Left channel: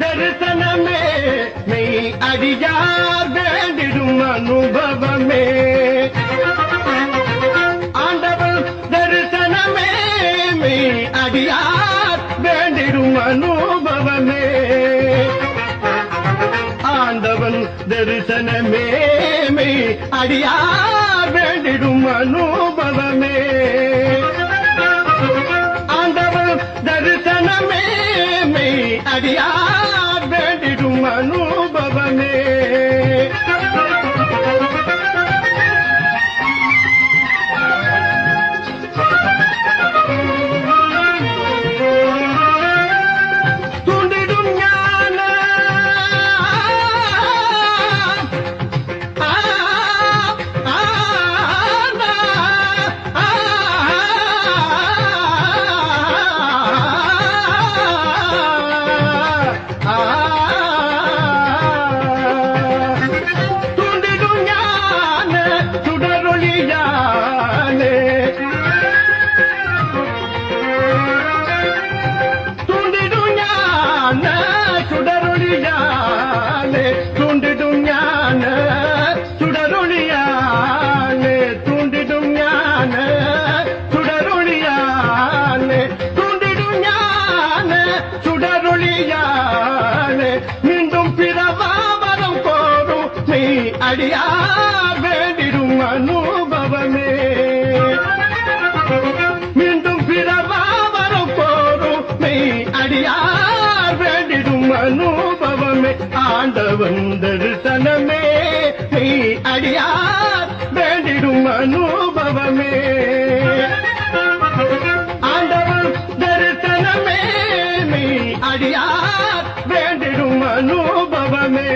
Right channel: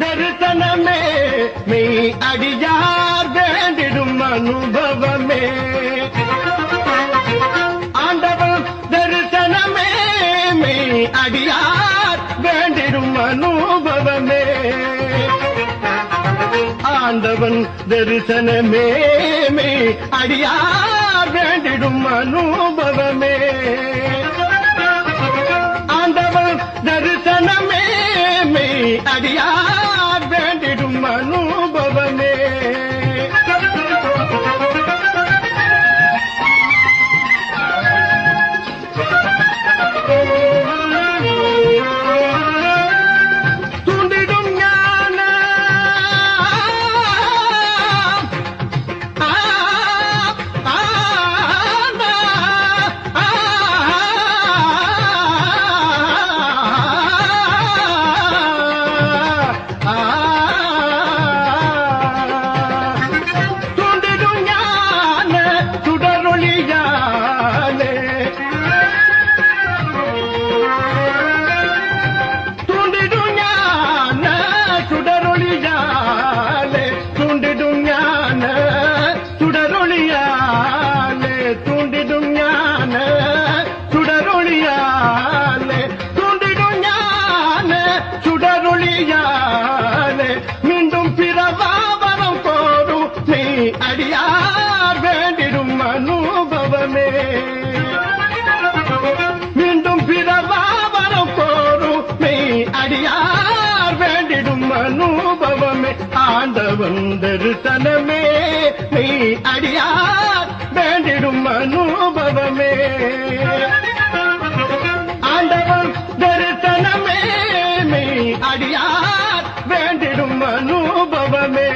தரிசனமே மெய் அடியார் வேண்டிடும் அனுபவமே. ஆண்டவன் தரிசனமே மெய் அடியார் வேண்டிடும் அனுபவமே. ஆண்டவன் தரிசனமே மெய் அடியார் வேண்டிடும் அனுபவமே. ஆண்டவன் தரிசனமே மெய் அடியார் வேண்டிடும் அனுபவமே. தூண்டிடும் ஞான தூண்டிடும் ஞான சுடரொளியாலே. தூண்டிடும் ஞான சுடரொளியாலே. தூண்டிடும் ஞான சுடரொளியாலே. தூண்டிடும் ஞான சுடரொளியாலே. தூண்டிடும் ஞான சுடரொளியாலே. மீண்டும் பிறவாவரம் கோரும் மெய் அடியார் வேண்டிடும் அனுபவமே. மீண்டும் பிறவாவரம் கோரும் மெய் அடியார் வேண்டிடும் அனுபவமே. ஆண்டவன் தரிசனமே மெய் அடியார் வேண்டிடும் அனுபவமே. ஆண்டவன் தரிசனமே மெய் அடியார் வேண்டிடும் அனுபவமே.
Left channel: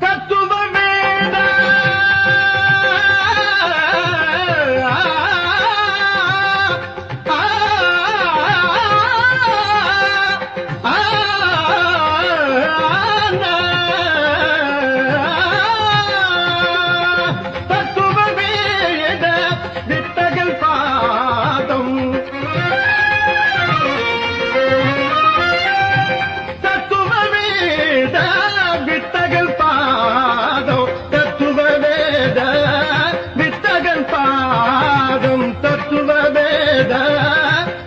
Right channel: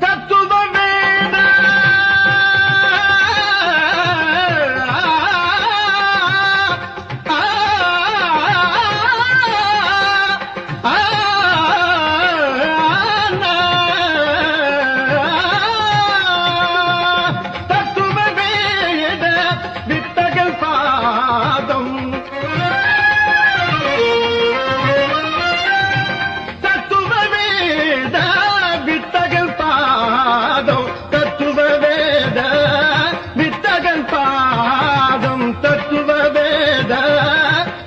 தத்துவ வேத தத்துவ வேத வித்தகல் பாதம். தத்துவ வேத வித்தகல் பாதம். தத்துவ வேத வித்தகல் பாதம். தத்துவ வேத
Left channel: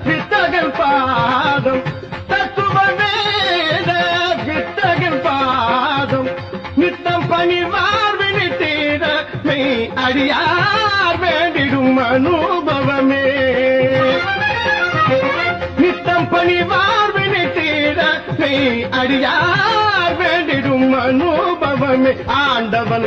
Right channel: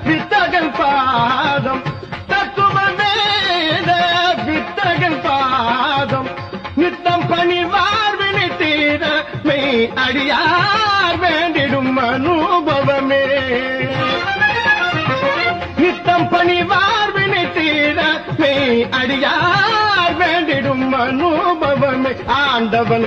வித்தகல் பாதம். தத்துவ வேத வித்தகல் பாதம். நித்தம் பணிவார் வினித்தீர மெய் அடியார் வேண்டிடும் அனுபவமே. நித்தம் பணிவார் வினித்தீர மெய் அடியார் வேண்டிடும் அனுபவமே. ஆண்டவன்